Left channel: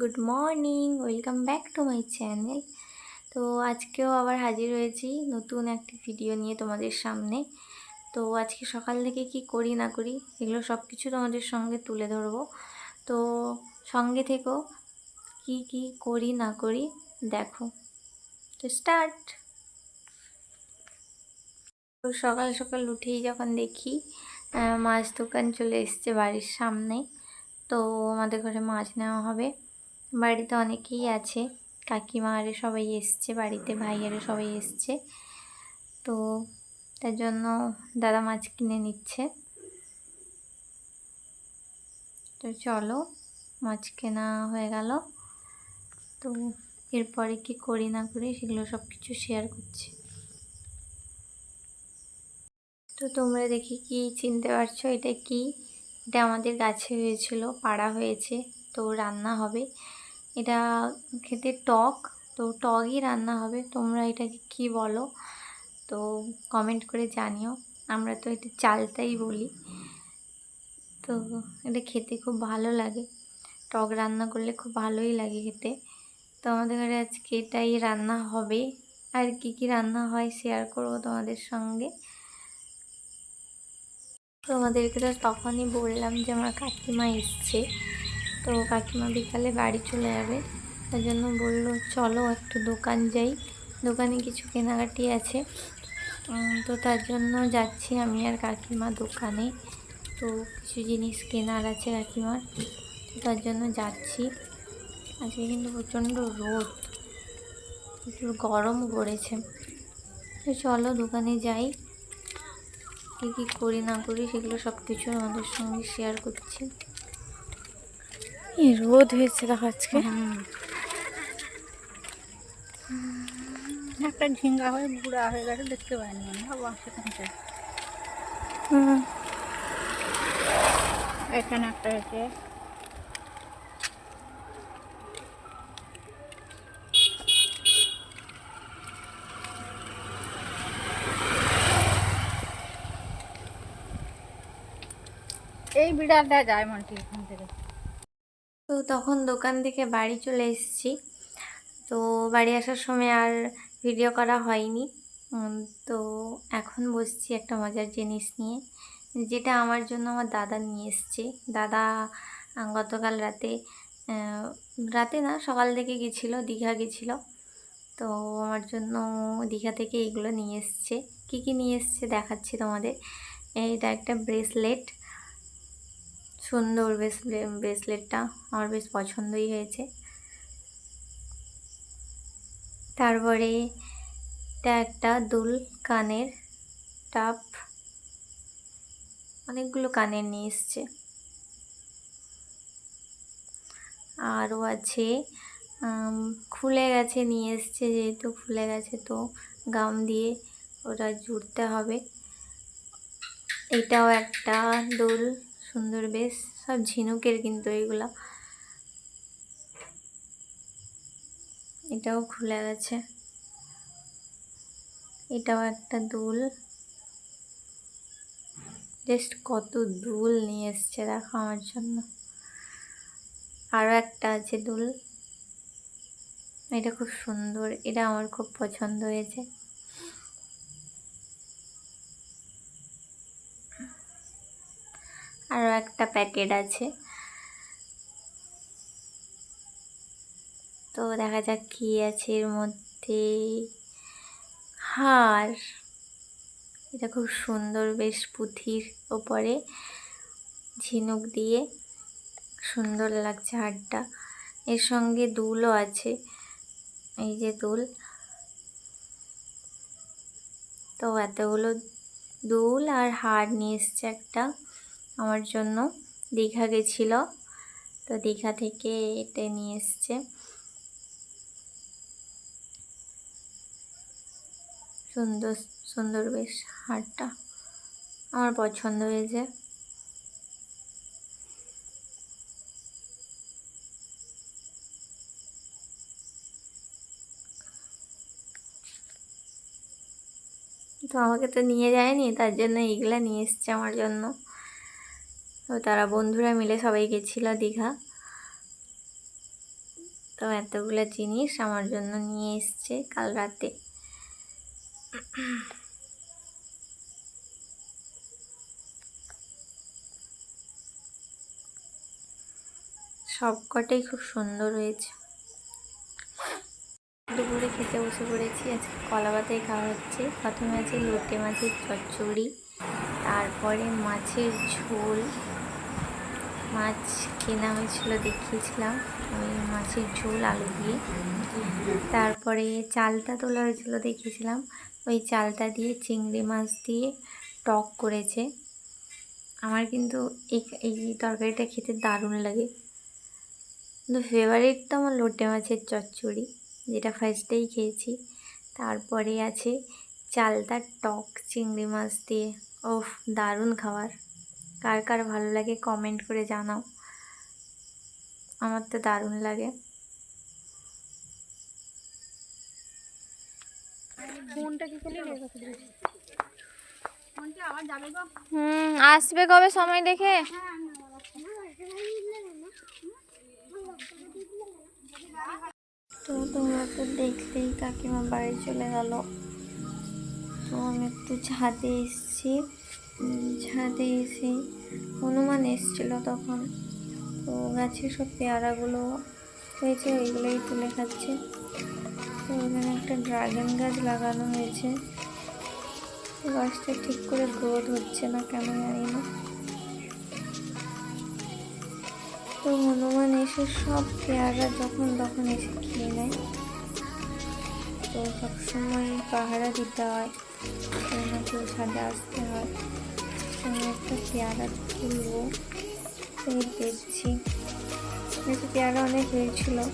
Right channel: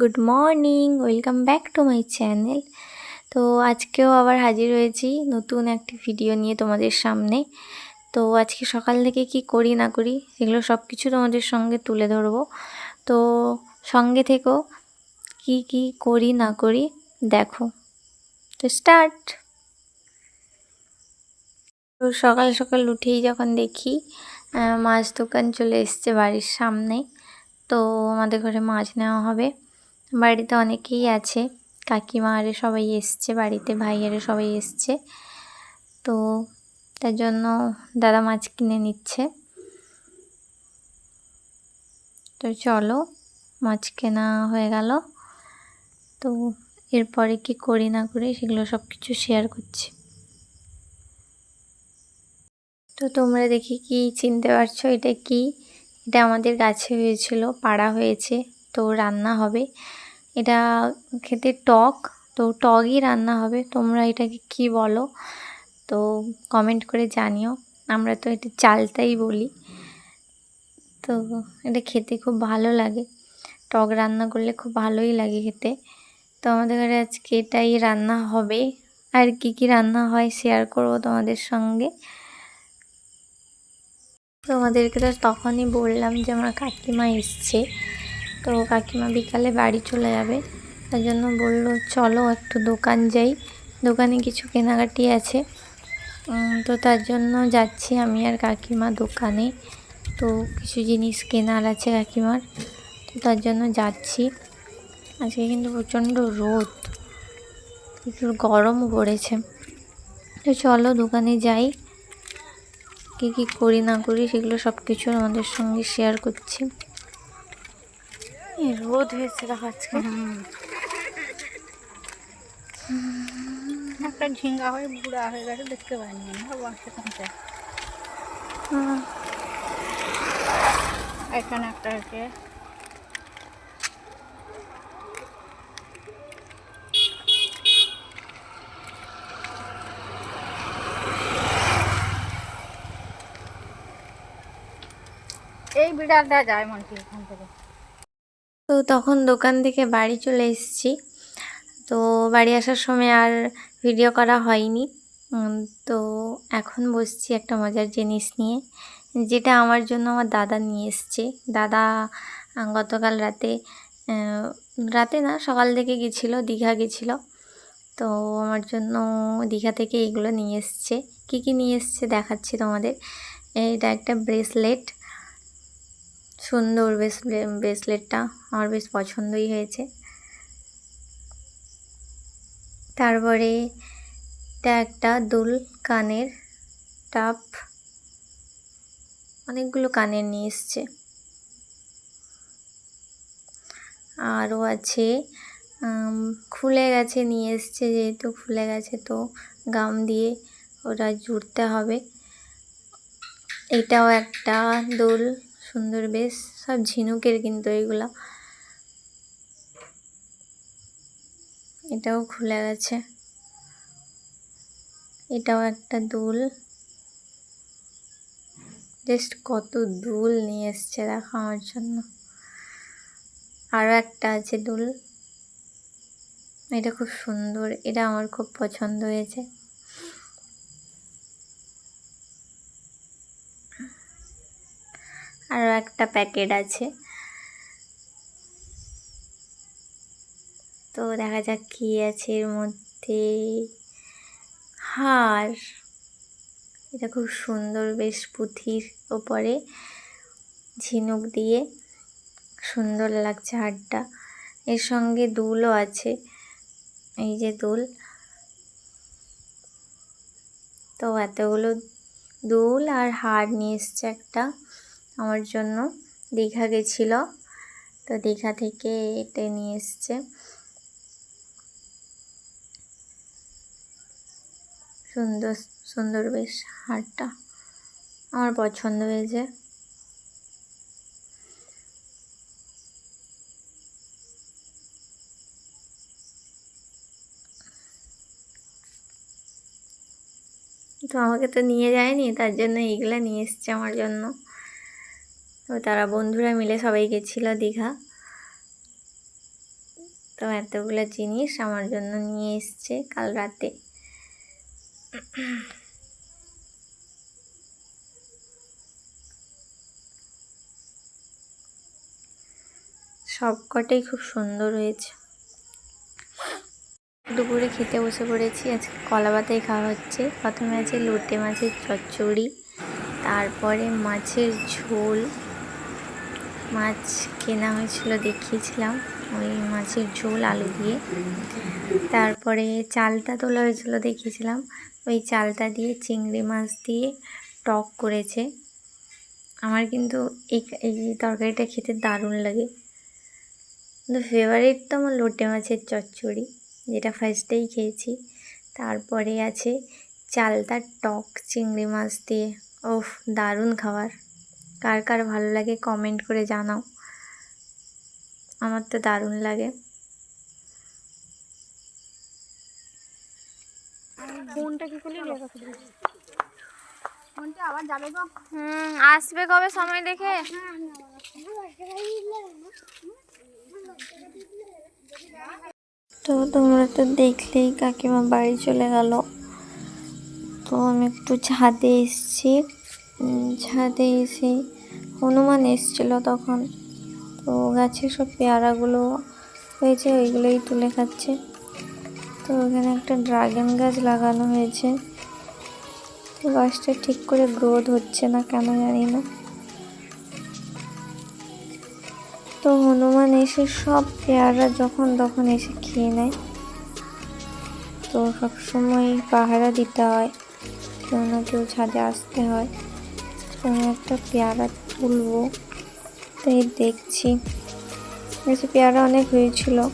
Good morning, welcome back to my channel. তো আজকেও আবার হাজির হয়েছি নতুন একটি ভিডিও নিয়ে তোমাদের সামনে। তো আজকে সকাল থেকে কি করি না করি সেগুলো সব কিছু তোমাদের সঙ্গে তুলে ধরবো। তো সঙ্গে থেকেও কি কি করি না করি, দেখো। তো স্টার্ট। তো সকাল সকাল উঠেই যখন দেখি মাছ দোকান চলে এসছে বাড়ির সামনে, তো আমাদের ঘরে মাছ নেওয়া হবে। বাড়িতে অনেকেই আছে। কাকিমা আরে সবাই এসছে, বাড়িতে ভাইয়ারে সবাই এসছে। তো তার জন্য দাদা মাছ কিনে নিচ্ছে। তো চলো, মাছ কেনা হয়ে গেল। তো এরপরে কি করি না করি সেগুলো সব কিছু শেয়ার করছি। তো তোমরা দেখি কি চিনতে পারছ, এটা কি? এটা আমাদের গাছে হয়েছিল, পাড়া হয়েছে। তো রান্না হবে। এটা খেতে টক, তো টকই রান্না হবে। তোমরা এটাকে কি বলো? তো কমেন্ট করে জানিও। আমরা তো এটা চালটাই বলি। তো এটা খেতে খুব ভালো লাগে। টক রান্না করলে খুব ভালোই লাগে খেতে। তো আমাদের ঘরে আজকে এটাই রান্না হবে। আর কি কি রান্না হয় শেয়ার করব তোমাদের সঙ্গে। তোমাদেরকে তো তখনই বললাম যে আমার কাকিমা এসছে। তো কাকিমা বিকালে বাড়ি চলে যাবে। তার জন্য বলল, চলো একটু দোকান যাই। দোকানে কিছু কেনাকাটি আছে। তো তার জন্য যাচ্ছি আমি আর কাকিমা দোকানে। তো কিছু জিনিস কেনার আছে কাকিমার। তো তার জন্য যাচ্ছি। আজকে কিন্তু প্রচণ্ড রোদ। প্রচুর গরমও পড়েছে। তো চলো দোকানে যাই। কী কী করি না করি সেগুলো সব কিছু আমাদের সঙ্গে শেয়ার করছি। রোদ হয়েছে দেখো আজকে। একটা ঝিঙ্গা হয়ে বুড়া হয়ে গেছে দেখতে পাইনি আমি। বাবা সেখানটা এখানে একটা হয়েছে। এই বিড়ালটা যায় মন্টি এখান থেকে। তো তখন দোকান থেকে বাড়ি চলে এসেছি। তো বাড়ি আসার সময় আর ভিডিও করা হয়নি। তো এখন বসছি একটা মজার জিনিস নিয়ে, যেটা আমার জন্য আমার দাদা নিয়ে এসছে। দাদা গতকাল রাতে রাতে না, সকাল থেকে গেছিল, দীঘা গেছিল। তো আমার জন্য দীঘা থেকে এগুলো নিয়ে এসছে। কী কী নিয়ে এসছে দেখাচ্ছি তোমাদের। এটা একটা ব্রেসলেট সুন্দর ব্রেসলেটটা আমার বেশ পছন্দই হয়েছে। তারপরে এটা একটা দুল কানের টাপ অনেকগুলো কানের নিয়ে এসছে। আরও আছে খুলে গেছে, নিয়ে এসছে যেহেতু খুলে গেছে তো গাম দিয়ে ওটা জুড়তে হবে। এটাও একটা দোল সুন্দর, বেশ সব ঝিনুকের কিন্তু এইগুলা এটাও খুলে গেছে। এটাও একটা দুল। জাস্ট কত দুল নিয়ে এসছে দেখো আমার জন্য। আরও একটা আছে দুল। এটা খুব সুন্দর, এটা আমার খুব পছন্দ হয়েছে। আরও একটা প্যাকেট আছে। তো দেখা যাক কী আছে এর মধ্যে। হার, এটা খুব সুন্দর, বেশ পুঁথির ওপরে ঝিনুক দিয়ে সুন্দর লাগছে হারটা। এর সঙ্গে দুলও আছে, এই যে দুল। তো এতগুলো দুল আর হার নিয়ে এসছে একটা। আমার জন্য। দীঘা গেছিল, তো দীঘা থেকে এটা নিয়ে এসছে। সুন্দর সুন্দর বেশ হারটা আমার পছন্দ হয়েছে। তো আমাকে তো নিয়ে যায়নি, তার জন্য এইগুলো নিয়ে এসছে আমার জন্য। তো তারা বন্ধুরা মিলে সবাই গেছিল দীঘা। তো এতগুলো জিনিস আমার জন্য নিয়ে এসছে কাল রাতে। সবকটাই খুব সুন্দর হয়েছে। দুপুরে খেতে বসে পড়েছি, আজকে কলা পাতায় খাওয়া হচ্ছে। প্রথমে আছে লোটে মাছের চচ্চড়ি, তারপরে মাছের ঝোল মাছ কেনা হয়েছিল, দেখিয়েছিলাম। ওই মাছের ঝোল, আলু দিয়ে। তারপরে চালটা তোলা হয়েছিল, দেখিয়েছিলাম। ওই চালটা দিয়ে চিংড়ি মাছ দিয়ে টক করেছে। আমার কিন্তু এই এই তরকারিটা খেতে দারুণ লাগে। কিন্তু ফেভারিট তো আমার লোটে মাছের চচ্চড়ি, যেটা ফার্স্টেই খেয়েছি। তারপরে আছে চালটা টক চিংড়ি মাছ দিয়ে। ওফ, দারুণ খাবার। কার কার ভালো লাগে কমেন্ট করে জানাও। আমার তো দারুণ লাগে। ফোনটা কি করলি? ফোনটা আবার যাবে গো। হুম আসবে কবে সময় দেখে? তো তোমরা তো দেখলেই কাকিমা বাড়ি চলে গেল। তো আমি একটু ছাদে এসেছি। ছাদে এসে হনুমান এসেছিল তখন। তো গাছে সব পেয়ারাগুলো হয়েছে, ওইগুলোই তুলে খাচ্ছে। তো ওখানে একটা ড্রাগন গাছ লাগানো হয়েছে। গাছটা ঠিক করে গ্রোথ হচ্ছে না কেন জানি না। তো হনুমান এসে সব পেয়ারা যখন তখন এসে খেয়ে নেয়। তো সবসময় পাহারা দিতে হয় কেউ না কেউ ছাদে আসতে হয়। আমি একটা পেয়ারা তুলবো। তাই দেখছি। বেশি পেয়ারা অনেক হয়েছিল।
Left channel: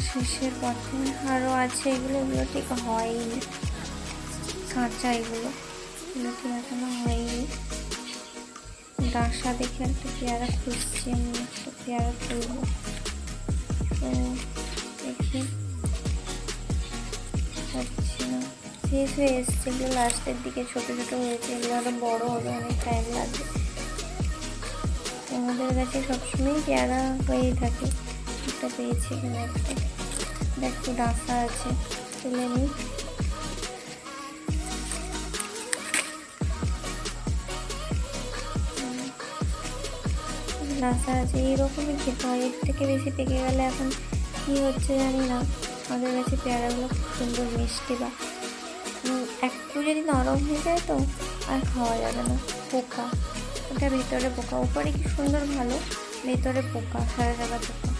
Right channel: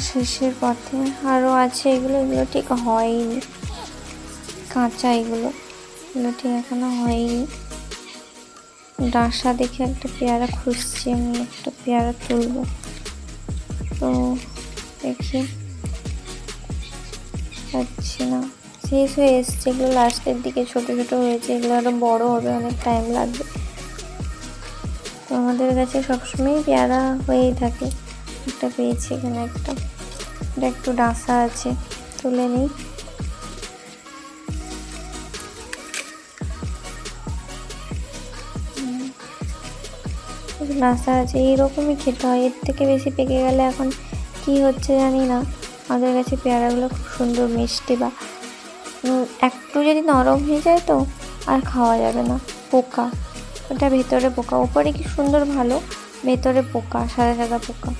শেষের পথে আরও আছে এগুলো এগুলো ঠিক হয়নি। কাঁচা এগুলো এগুলো ঠিক এখনও হয়নি। ডাসা দেখে একটা পেয়ারা খুঁজছি, আমি একটা পেয়ারা তুলবো। তো দেখি। হচ্ছে না। শেষ হয়ে এসছে এগুলো লাস্টের দিকে ছোটো ছোটো হয়েছে, এগুলো আরও বড় হবে, অনেক টাইম লাগবে। আমাদের কাছে সবসময় পেয়ারা হয়েই থাকে। একটা পেয়েছি এখানে একটা। এটা একটু ডাসা আছে, তুলে নিই। রাস্তা আছে, এইরকমই খেতে হয়। এর থেকে বেশি পেকে গেলে এখন কি হচ্ছে জানি না। আমাদের কাছে পেয়ারাগুলো খুব সুন্দর, মিষ্টি বা একটু যদি নরম হয়ে যায় তো আর খাওয়া যাবে না। পোকা। ওটা ভেতরে পোকা। উপরে কি সুন্দর ভালো? ভেতরে পোকা, সাদা সাদা পোকা।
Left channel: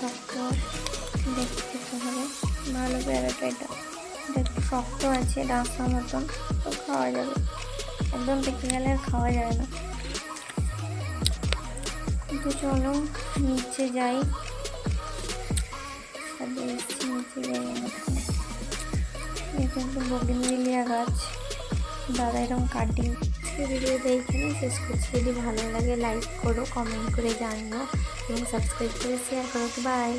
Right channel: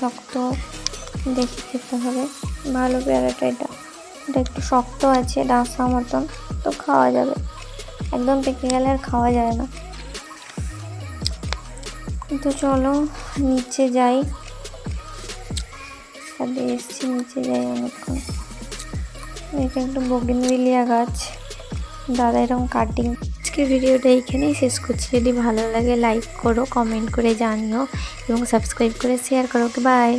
শক্ত। দেখে খেতে হবে ভালো পেয়ারাটা এটা। এটা একটু শক্ত আছে, ডাসা মতন, তো খাওয়া যাবে। একদম পেকে গেলে আর খাওয়া যাবে না। তো চলো নিচে যাই। এসছি নিচে যাই অনেকক্ষণ। এটা একটু বগিনভিলিয়া গাছ। দাদা এরকম কাটিং আজকে ভিডিওটা এইখানেই শেষ করছি। যদি ভালো লাগে লাইক করো কমেন্ট করে জানিও এবং সাবস্ক্রাইব করে শেয়ার করো। বাই